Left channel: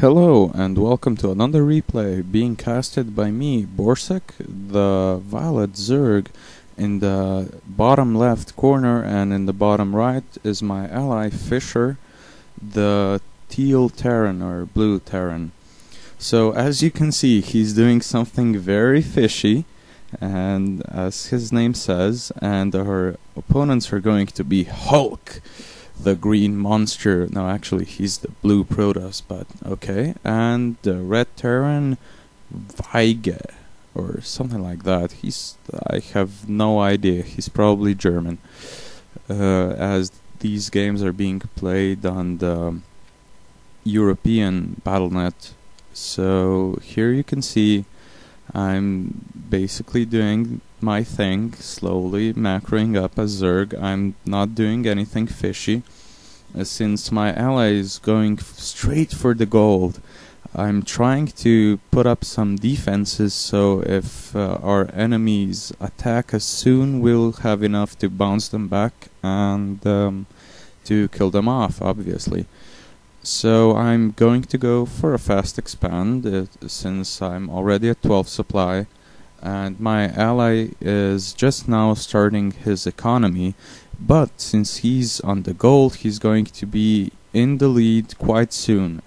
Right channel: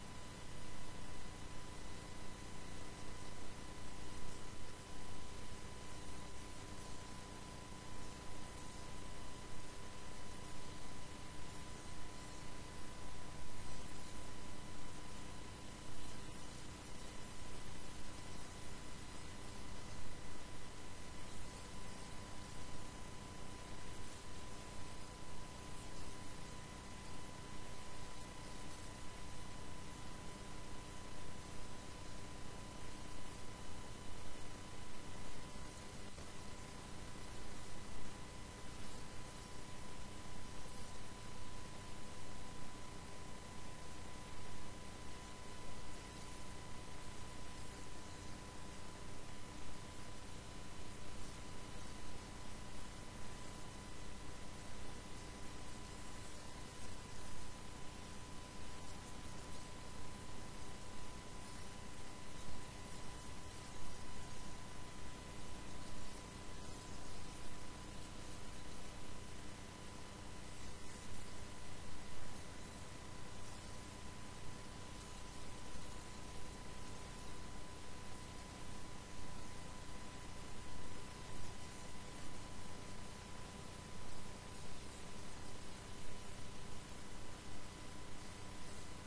Hello and welcome to another replay being casted by me, Borsek, the Violet Zerg. In the bottom left corner and in the bottom right is my ally Fisher, the Teal Terran or Blue Terran. So as you can see, he's doing something very fishy, and as his name says, and our opponents are going to be Hulk, the green monster. No, actually, he's the blue Protoss, but okay. And the red Terran, Weige, or something like that. I have no idea. He's probably German. As these games are being played on the European Battle.net. So here you can see I'm basically doing my thing, slowly macroing up as Zerg. I'm not doing anything fishy. Since my ally is going straight for the gold, I'm trying to put up some defenses so if our enemies attack us soon, we'll have enough to bounce them back and to kill them off, obviously. So I'm going to go for a fast expand since I'm already at 12 supply, and my ally is just now starting his economy, but since he's on the gold, he's going to be in the lead quite soon,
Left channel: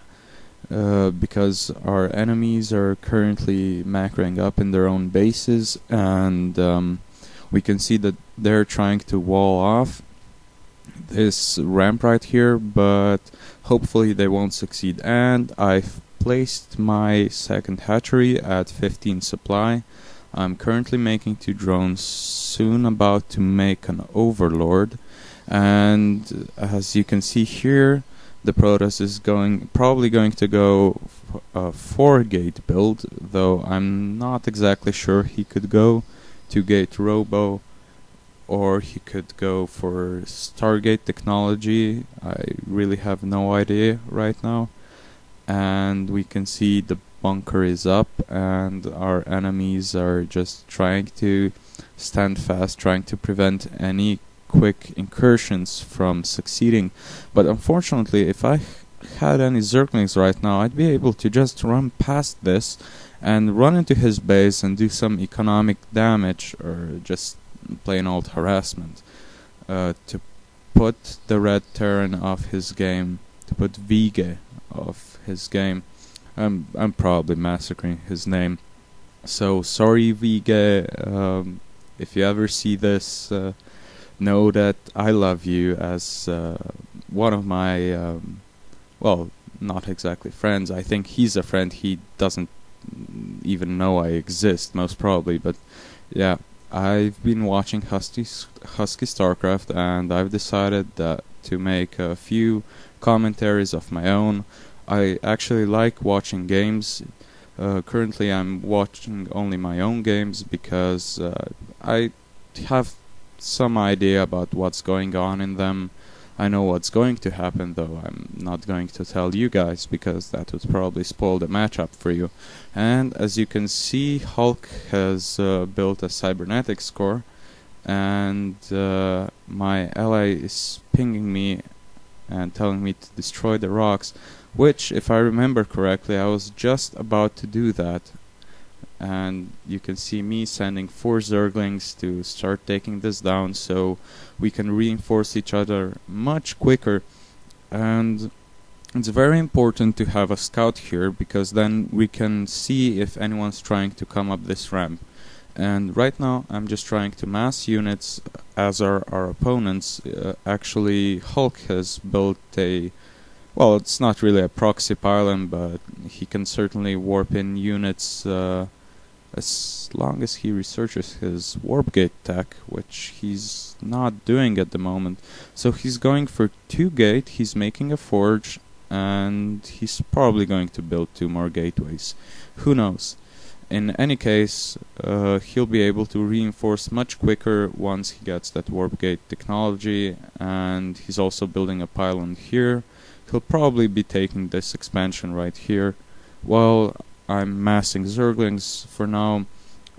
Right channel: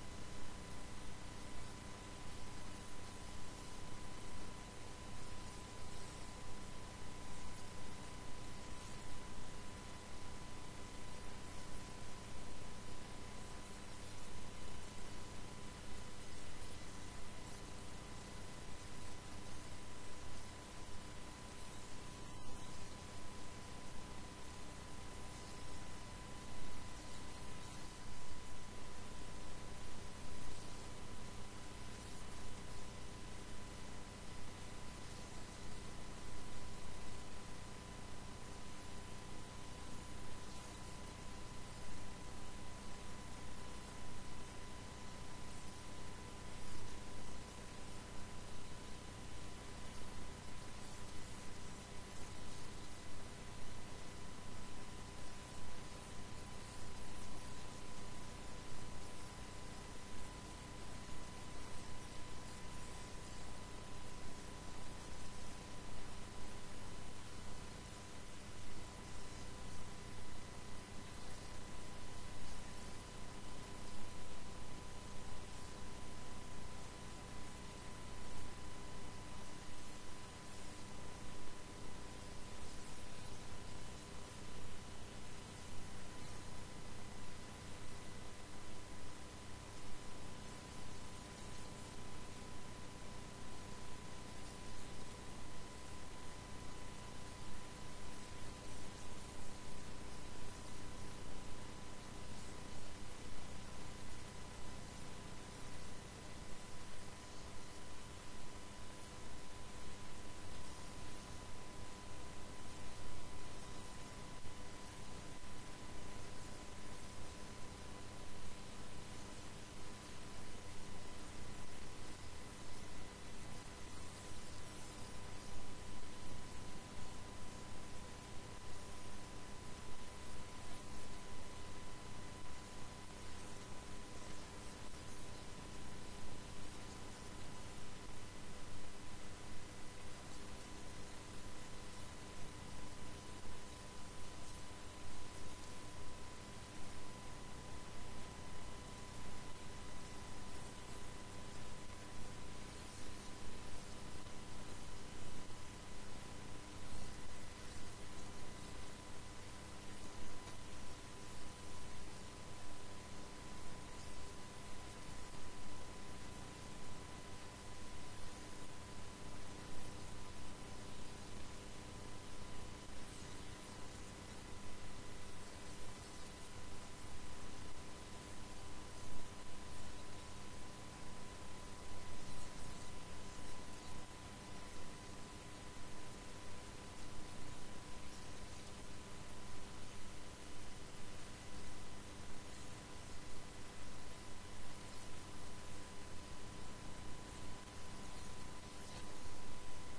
because our enemies are currently macroing up in their own bases, and we can see that they're trying to wall off this ramp right here, but hopefully they won't succeed. And I've placed my second hatchery at 15 supply. I'm currently making 2 drones, soon about to make an overlord, and as you can see here, the Protoss is probably going to go a 4-gate build, though I'm not exactly sure. He could go 2-gate Robo, or he could go for Stargate technology. I really have no idea right now. And we can see the bunker is up and our enemies are just trying to stand fast, trying to prevent any quick incursions from succeeding. But unfortunately, if I had any Zerglings right now, I'd be able to just run past this and run into his base and do some economic damage, or just plain old harassment, to put the red Terran off his game, to put Weige off his game. I'm probably massacring his name, so sorry Weige. If you ever see this, know that I love you as one of my well, not exactly friends. I think he's a friend. He doesn't even know I exist, most probably, but yeah. I've been watching Husky StarCraft, and I've decided that to make a few commentaries of my own. I actually like watching games. Currently I'm watching only my own games because I have some idea about what's going on in them. I know what's going to happen, though I'm not going to tell you guys because that would probably spoil the matchup for you. And as you can see, Hulk has built a cybernetics core, and my ally is pinging me and telling me to destroy the rocks, which, if I remember correctly, I was just about to do that. And you can see me sending 4 Zerglings to start taking this down so we can reinforce each other much quicker. And it's very important to have a scout here, because then we can see if anyone's trying to come up this ramp. And right now I'm just trying to mass units, as are our opponents. Actually, Hulk has built a, well, it's not really a proxy pylon, but he can certainly warp in units as long as he researches his warp gate tech, which he's not doing at the moment. So he's going for 2-gate, he's making a forge, and he's probably going to build 2 more gateways. Who knows? In any case, he'll be able to reinforce much quicker once he gets that warp gate technology, and he's also building a pylon here. He'll probably be taking this expansion right here, while I'm massing Zerglings for now.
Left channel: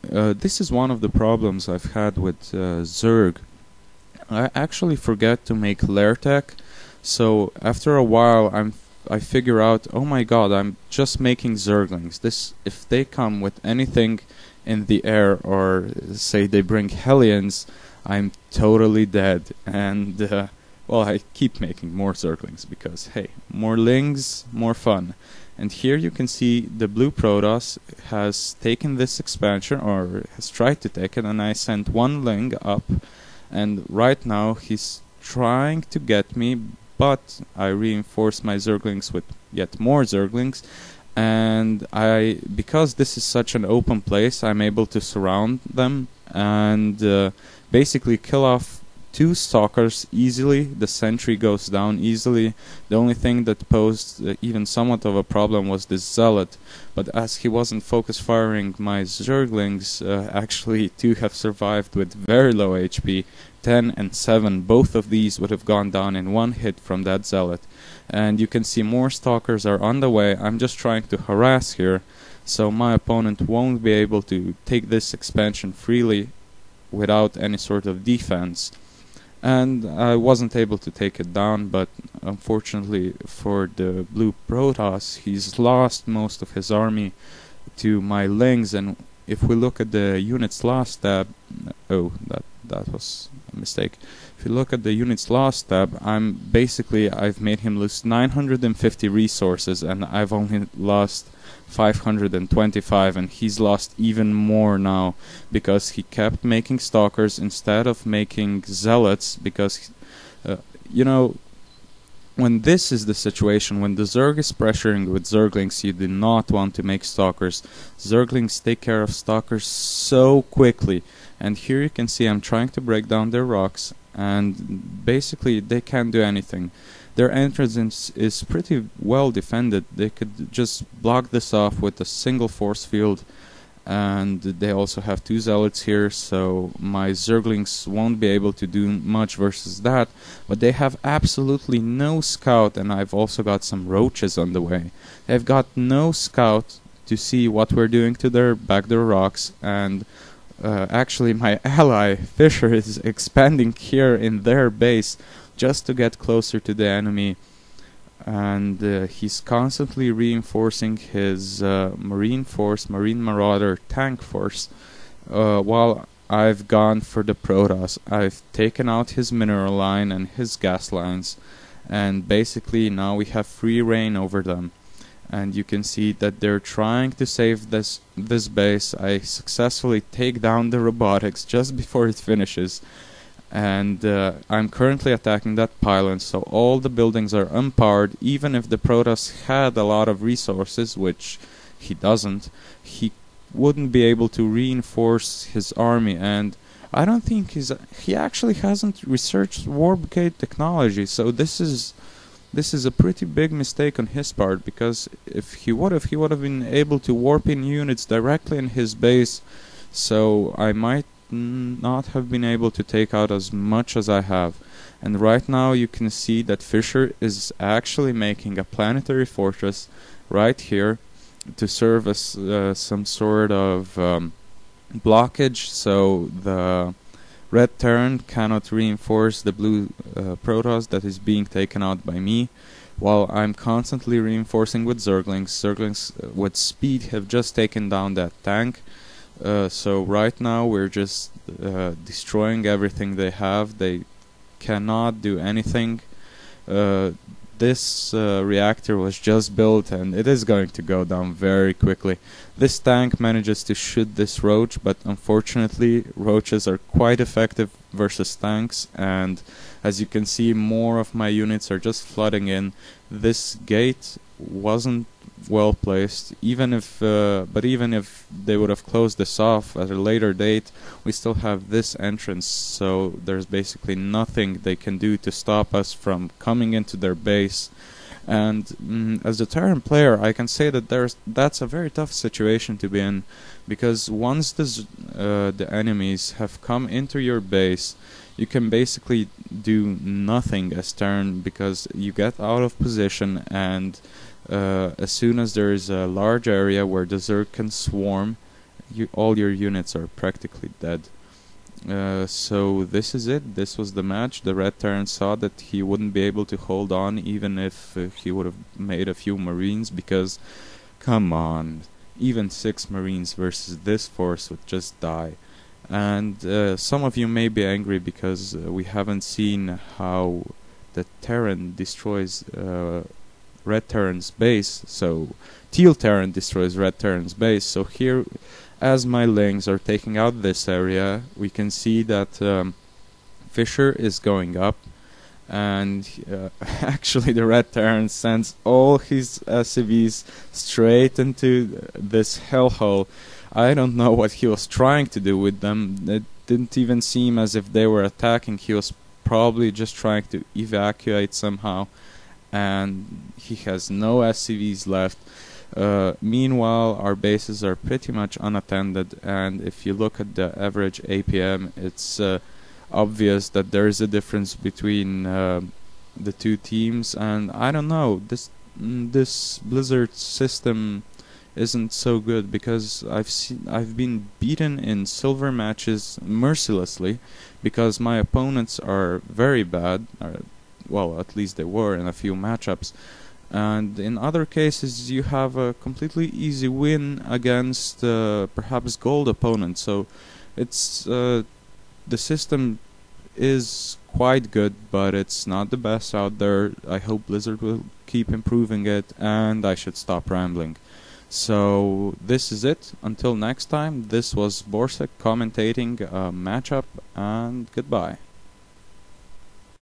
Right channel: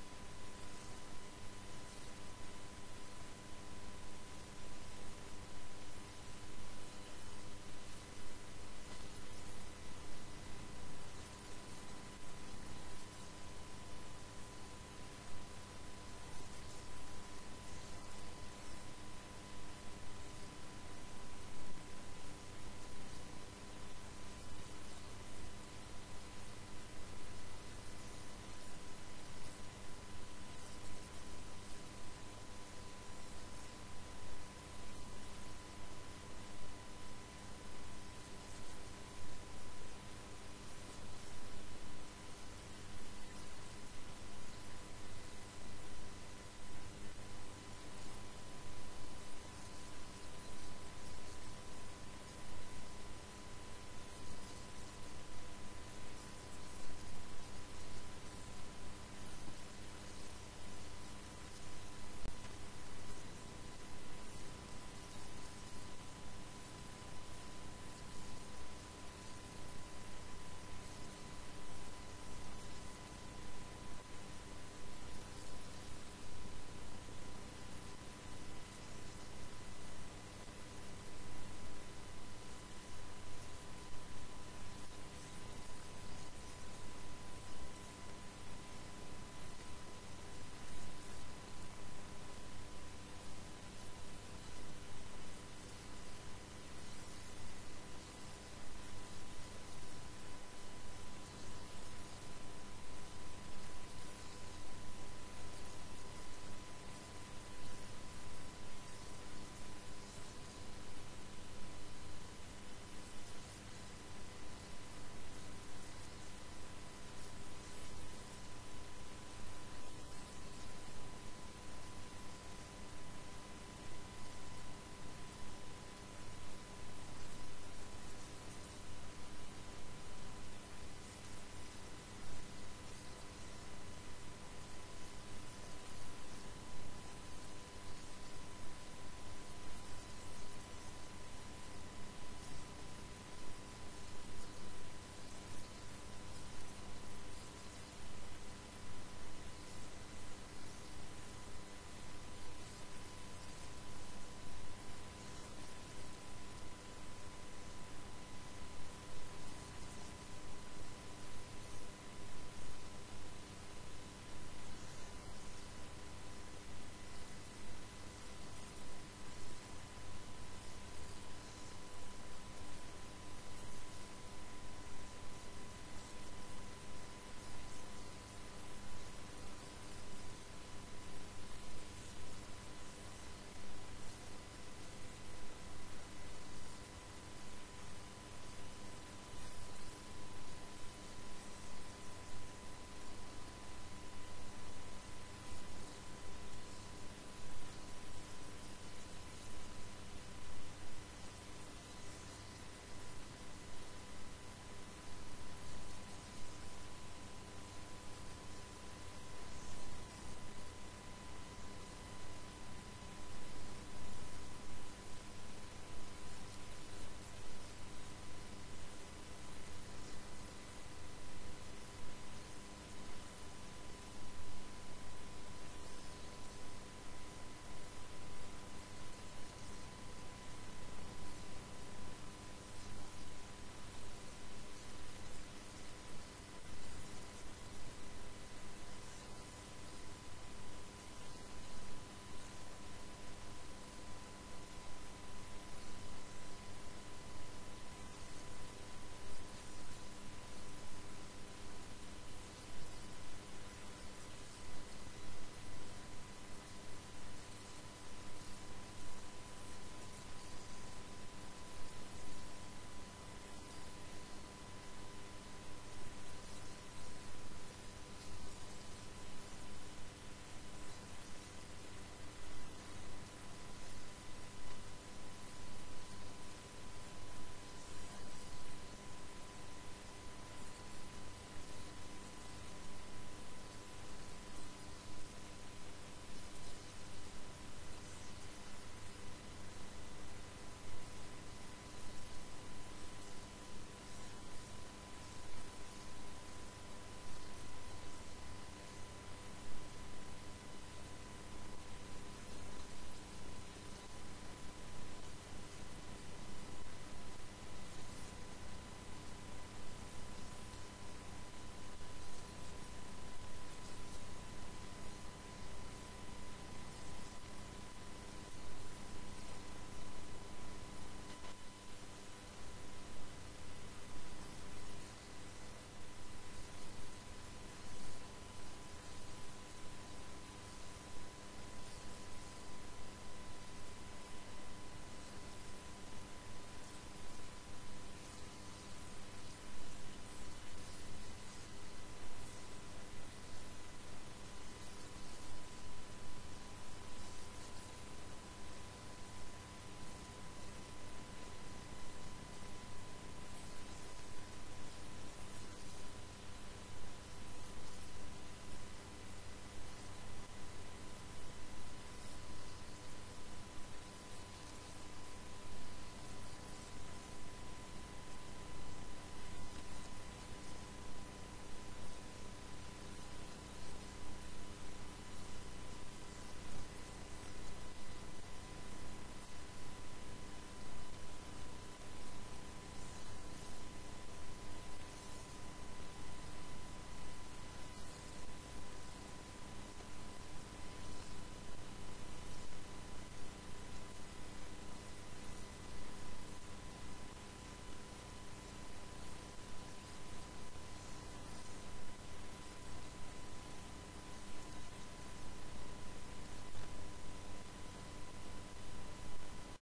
This is one of the problems I've had with Zerg. I actually forget to make lair tech, so after a while I'm I figure out, oh my god, I'm just making Zerglings. This, if they come with anything in the air, or say they bring Hellions, I'm totally dead. And well, I keep making more Zerglings because hey, more Lings, more fun. And here you can see the blue Protoss has taken this expansion, or has tried to take it, and I sent one Ling up, and right now he's trying to get me, but I reinforced my Zerglings with yet more Zerglings, and because this is such an open place, I'm able to surround them and basically kill off 2 stalkers easily. The sentry goes down easily. The only thing that posed even somewhat of a problem was this zealot, but as he wasn't focus firing my Zerglings, actually 2 have survived with very low HP. 10 and 7, both of these would have gone down in one hit from that zealot. And you can see more stalkers are on the way. I'm just trying to harass here, so my opponent won't be able to take this expansion freely without any sort of defense. And I wasn't able to take it down, but unfortunately for the blue Protoss, he's lost most of his army to my Lings. And if we look at the units lost tab, oh, that was a mistake. If you look at the units lost tab, I've made him lose 950 resources, and I've only lost 525, and he's lost even more now because he kept making stalkers instead of making zealots. Because you know, when this is the situation, when the Zerg is pressuring with Zerglings, you do not want to make stalkers. Zerglings take care of stalkers so quickly, and here you can see I'm trying to break down their rocks, and basically they can't do anything. Their entrance is pretty well defended. They could just block this off with a single force field, and they also have 2 zealots here, so my Zerglings won't be able to do much versus that. But they have absolutely no scout, and I've also got some roaches on the way. They've got no scout to see what we're doing to their backdoor rocks, and actually my ally Fisher is expanding here in their base just to get closer to the enemy, and he's constantly reinforcing his marine force, marine marauder tank force, while I've gone for the Protoss. I've taken out his mineral line and his gas lines, and basically now we have free reign over them. And you can see that they're trying to save this base. I successfully take down the robotics just before it finishes, and I'm currently attacking that pylon, so all the buildings are unpowered. Even if the Protoss had a lot of resources, which he doesn't, he wouldn't be able to reinforce his army. And I don't think he actually hasn't researched warp gate technology, so this is a pretty big mistake on his part, because if he would have been able to warp in units directly in his base, so I might not have been able to take out as much as I have. And right now you can see that Fisher is actually making a planetary fortress right here to serve as some sort of blockage, so the red Terran cannot reinforce the blue Protoss that is being taken out by me, while I'm constantly reinforcing with Zerglings. Zerglings with speed have just taken down that tank. So right now we're just destroying everything they have. They cannot do anything. This reactor was just built, and it is going to go down very quickly. This tank manages to shoot this roach, but unfortunately roaches are quite effective versus tanks, and as you can see, more of my units are just flooding in. This gate wasn't well placed. Even if they would have closed this off at a later date, we still have this entrance, so there's basically nothing they can do to stop us from coming into their base. And as a Terran player, I can say that that's a very tough situation to be in, because once the enemies have come into your base, you can basically do nothing as Terran, because you get out of position, and as soon as there is a large area where the Zerg can swarm, all your units are practically dead. So this is it. This was the match. The Red Terran saw that he wouldn't be able to hold on even if he would have made a few Marines, because come on, even 6 Marines versus this force would just die. And some of you may be angry because we haven't seen how the Terran destroys Red Terran's base. So Teal Terran destroys Red Terran's base. So here, as my Lings are taking out this area, we can see that Fisher is going up, and actually the Red Terran sends all his SCVs straight into this hellhole. I don't know what he was trying to do with them. It didn't even seem as if they were attacking. He was probably just trying to evacuate somehow, and he has no SCVs left. Meanwhile, our bases are pretty much unattended, and if you look at the average APM, it's obvious that there is a difference between the two teams. And I don't know, this Blizzard system isn't so good, because I've been beaten in silver matches mercilessly because my opponents are very bad. Well, at least they were in a few matchups. And in other cases you have a completely easy win against perhaps gold opponents. So it's the system is quite good, but it's not the best out there. I hope Blizzard will keep improving it, and I should stop rambling. So this is it. Until next time, this was Borsec commentating a matchup, and goodbye.